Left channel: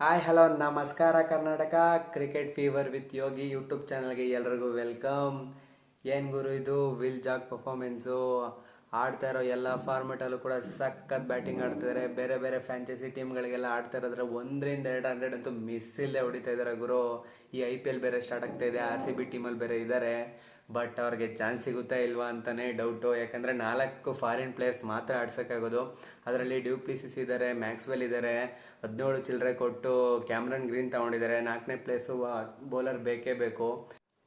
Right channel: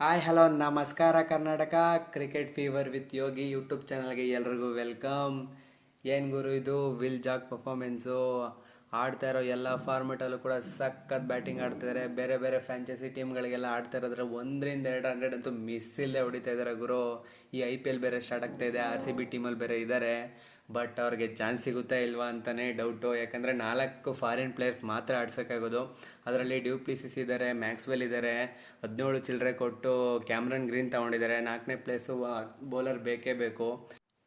Hi hello ನಮಸ್ಕಾರ Karnataka. Cricket fever with Yogi YouTube ಚಾನಲ್ಗೆ ಎಲ್ರಿಗೂ ವೆಲ್ಕಮ್. ಏನು ಗುರು ಇದು ವಿಲ್ ಜಾಕ್ ಪರ್ಫಾರ್ಮೆನ್ಸು. ಆಡ್ತಾ ಇರೋ ಎಲ್ಲ ಫಾರ್ಮೆಟಲ್ಲೂ ಕೂಡ ಸಖತ್ ಬ್ಯಾಟಿಂಗ್ ಆಡ್ತಿದ್ದಾರೆ. ಬೇರೆ ಬೇರೆ ಫ್ರಾಂಚೈಸಿ ಟೀಮ್ಗಳಿಗೆಲ್ಲ ಆಡ್ತಾ ಇರೋದ್ರೆ 100-200 ಅಂತೂ ಮಿಸ್ ಇಲ್ಲದೆ ಹೊಡಿತಾ ಇದ್ದಾರೆ ಗುರು. ಈ IPL ಬೇರೆ ಸ್ಟಾರ್ಟ್ ಆಗ್ತಾ ಇದೆ. RCB ಟೀಮಲ್ಲಿ ಬೇರೆ ಇದ್ದಾರೆ. ಬಟ್ ಅವ್ರಿಗೆ ಚಾನ್ಸ್ ಸಿಗುತ್ತಾ ಇಲ್ವಾ ಅಂತಲೇ ಡೌಟು. ಯಾಕಂದರೆ 4 ಫಾರಿನ್ ಪ್ಲೇಯರ್ಸ್ ಮಾತ್ರ ಆಡ್ಸೋಕ್ಕಾಗೋದು. ಅದರಲ್ಲಿ ಡ್ಯೂಪ್ಲಿಸಿಸ್ ಇದ್ದಾರೆ, ಮ್ಯಾಕ್ಸ್ವೆಲ್ ಇದ್ದಾರೆ. 17 ಚಿಲ್ಲರೆ ಕೊಟ್ಟು ಕ್ಯಾಮ್ರನ್ ಗ್ರೀನ್ ತೊಗೊಂಡಿದ್ದಾರೆ. 4ನೇ ಪ್ಲೇಸು ಬೌಲರ್ ಬೇಕೇ ಬೇಕು.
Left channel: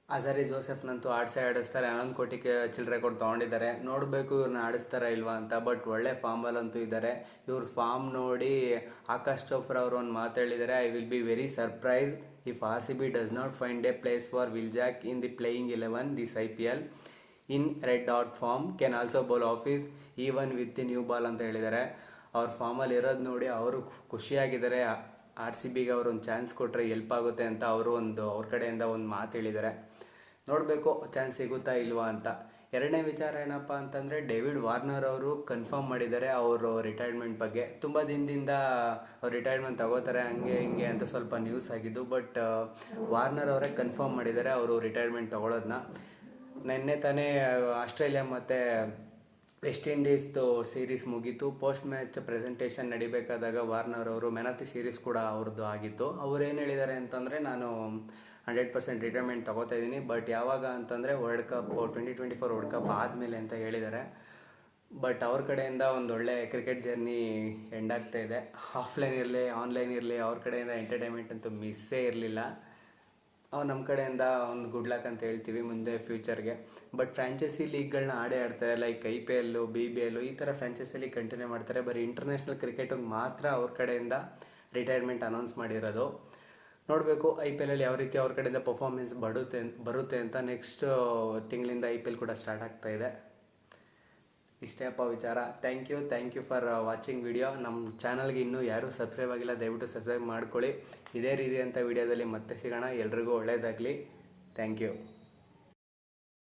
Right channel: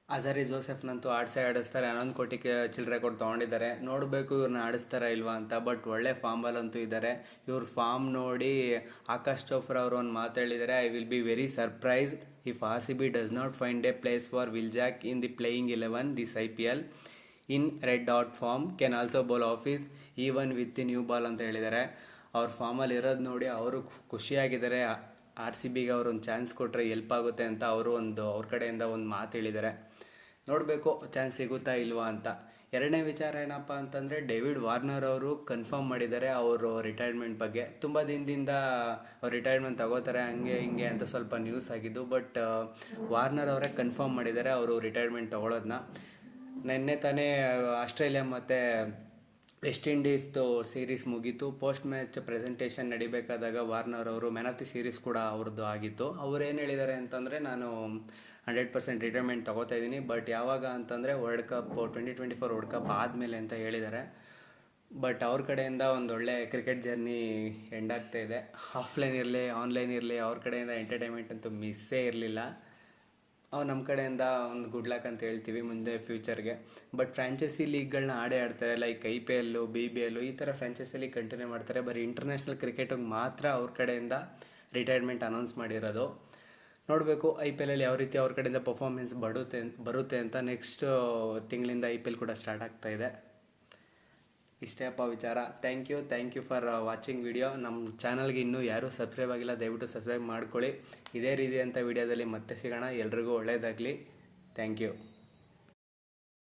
ಅಜರಿ ಜೋಸೆಫ್ನಂತೂ ಆಡಿಸ್ತಾರೆ. 11 ಕೋಟಿ ಚಿಲ್ಲರೆ ಕೊಟ್ಟು ತೊಗೊಂಡಿದ್ದಾರೆ. ನೋಡಬೇಕು ಇವ್ರನ್ನ ಆಡಿಸ್ತಾರಾ ಇಲ್ವಾ ಅಂತ. ಬಟ್ ಒಳ್ಳೆ ಫಾರ್ಮಲ್ಲಂತೂ ಇದ್ದಾರೆ. ಇವ್ರ ಫಾರ್ಮ್ ನೋಡಿ ಆಕಾಶ್ ಚೋಪ್ರಾ ಅವರು ಒಂದು ಮಾತು ಹೇಳಿದ್ದಾರೆ, I will be very surprise if RCB does not find a place for Will Jack in the playing 11 this IPL in red hot form can also bowl offies even with the new ball ಅಂತ ಹೇಳಿದ್ದಾರೆ. ಅವ್ರ ಫಾರ್ಮಲ್ಲಿ ಇರೋದು ನೋಡಿ ಅವರು ಖುಷಿಯಾಗಿದ್ದಾರೆ. RCBಗೆ ಅವರು ಒಂದು chance ಕೊಟ್ಟರೆ ಎಲ್ಪ್ ಆಗುತ್ತೆ ಅಂತ ಅವರು ಅವ್ರ ಕಡೆಯಿಂದ ಒಂದು ಮಾತು ಹೇಳಿದ್ದಾರೆ. ನೋಡಬೇಕು ಚಾನ್ಸ್ ಸಿಗುತ್ತಾ ಇಲ್ವಾ ಅಂತ. ಎರಡನೇ ವಿಚಾರ ಏನಪ್ಪ ಅಂತಂದರೆ, ಡೇವಿಡ್ ವಾರ್ನರ್ ಅವರು ಕನ್ಫರ್ಮ್ ಮಾಡಿದ್ದಾರೆ ಅವರು ರಿಟೈರ್ಮೆಂಟ್ ಬಗ್ಗೆ. ತುಂಬ ದಿನದಿಂದ ಅವ್ರು ರಿಟೈರ್ಮೆಂಟ್ ತಗೋತಾರೆ ಹಂಗೆ ಹಿಂಗೆ ಅಂತ ಸ್ವಲ್ಪ ನ್ಯೂಸ್ ಆಗಿದ್ದು. ಬಟ್ ವಾರ್ನರ್ ಅವರೇ ಕನ್ಫರ್ಮ್ ಮಾಡಿದ್ದಾರೆ ಅವರು ರಿಟೈರ್ಮೆಂಟ್ ತಗೊಳ್ಳೋದನ್ನ. ನಿನ್ನೆ ತಾನೇ ಆಸ್ಟ್ರೇಲಿಯಾ ಮತ್ತು ವೆಸ್ಟ್ ಇಂಡೀಸ್ದು ಸೀರೀಸ್ ಮುಗೀತು. ಪೋಸ್ಟ್ ಮ್ಯಾಚ್ ಪ್ರೆಸೆಂಟೇಷನ್ ನಡಿಬೇಕಾದಾಗ ವಾರ್ನರ್ ಅವರು ಮ್ಯಾನ್ ಆಫ್ ದಿ ಸೀರೀಸ್ ಕೂಡ ಅವ್ರದ್ದು ಆಗಿತ್ತು. ಅವ್ರು ಏನು ಹೇಳಿದ್ದಾರೆ ಅಂತಂದರೆ, ನಾನು 100% ರಿಟೈರ್ಮೆಂಟ್ ತೊಗೋತಾ ಇದ್ದೀನಿ, ಬಟ್ ಯಾವಾಗ ಅಂತಂದರೆ ವರ್ಲ್ಡ್ ಕಪ್ 2024 ವರ್ಲ್ಡ್ ಕಪ್ ಆದಮೇಲೆ ಅಂತ ಹೇಳಿದ್ದಾರೆ. ಬಟ್ ಅವ್ರ ಕಡೆಯಿಂದ ಒಂದು ಒಳ್ಳೆ ಕ್ರಿಕೆಟ್ ಜರ್ನಿ ಎಂಡ್ ಆಗ್ತಾ ಇದೆ. ಆಫ್ಲೈನ್ ಇರಲಿ ಆನ್ಲೈನ್ ಇರಲಿ ಅವ್ರ ಕಡೆಯಿಂದ ಎಂಟರ್ಟೈನ್ಮೆಂಟ್ ಅಂತೂ ಮಿಸ್ಸೇ ಇರಲಿಲ್ಲ. ನಮ್ಮ ಕಡೆಯಿಂದ ಒಂದು ಗುಡ್ ಲಕ್ ಅಂತ ಹೇಳ್ತೀವಿ ಮುಂದೆ ಫ್ಯೂಚರ್ಗೆ. ಬಟ್ ಫ್ರಾಂಚೈಸಿ ಲೀಗ್ಗಳನ್ನ ಆಡ್ತಾರೆ, ಲೈಕ್ IPL, BBL ಈ ಥರ ಫ್ರಾಂಚೈಸಿಲಿ ಕಂಟಿನ್ಯೂ ಮಾಡ್ತಾರೆ. ಬರೀ ಇಂಟರ್ನ್ಯಾಷನಲ್ ಕ್ರಿಕೆಟಿಗೆ ಮಾತ್ರ ಅವ್ರ ಕಡೆಯಿಂದ ರಿಟೈರ್ಮೆಂಟ್ ಅನೌನ್ಸ್ ಮಾಡಿರೋದು. ನೋಡಬೇಕು IPLಲ್ಲಿ ಯಾವ ರೀತಿ ಅವ್ರ ಕಡೆಯಿಂದ ಪರ್ಫಾರ್ಮೆನ್ಸ್ ಬರುತ್ತೆ ಅಂತ. ನೆಕ್ಸ್ಟ್ ತಿಂಗಳಿಂದ IPL ಕೂಡ ಸ್ಟಾರ್ಟ್ ಆಗ್ತಾ ಇದೆ. ಇಷ್ಟೇ ಅಪ್ಪ ವಿಚಾರ. Thank you for watching video. ನಮ್ಮ ಚಾನಲ್ಗೆ ಇನ್ನೂ ಯಾರೂ ಸಬ್ಸ್ಕ್ರೈಬ್ ಆಗಿಲ್ಲ, ದಯವಿಟ್ಟು ಸಬ್ಸ್ಕ್ರೈಬ್ ಮಾಡ್ಕೊಳ್ಳಿ. ಇದೇ ರೀತಿಯಂಥ ವಿಡಿಯೋದಲ್ಲಿ ಮತ್ತೆ ಸಿಗೋಣ. ಎಲ್ರಿಗೂ ಒಳ್ಳೆಯದಾಗಲಿ. Thank you.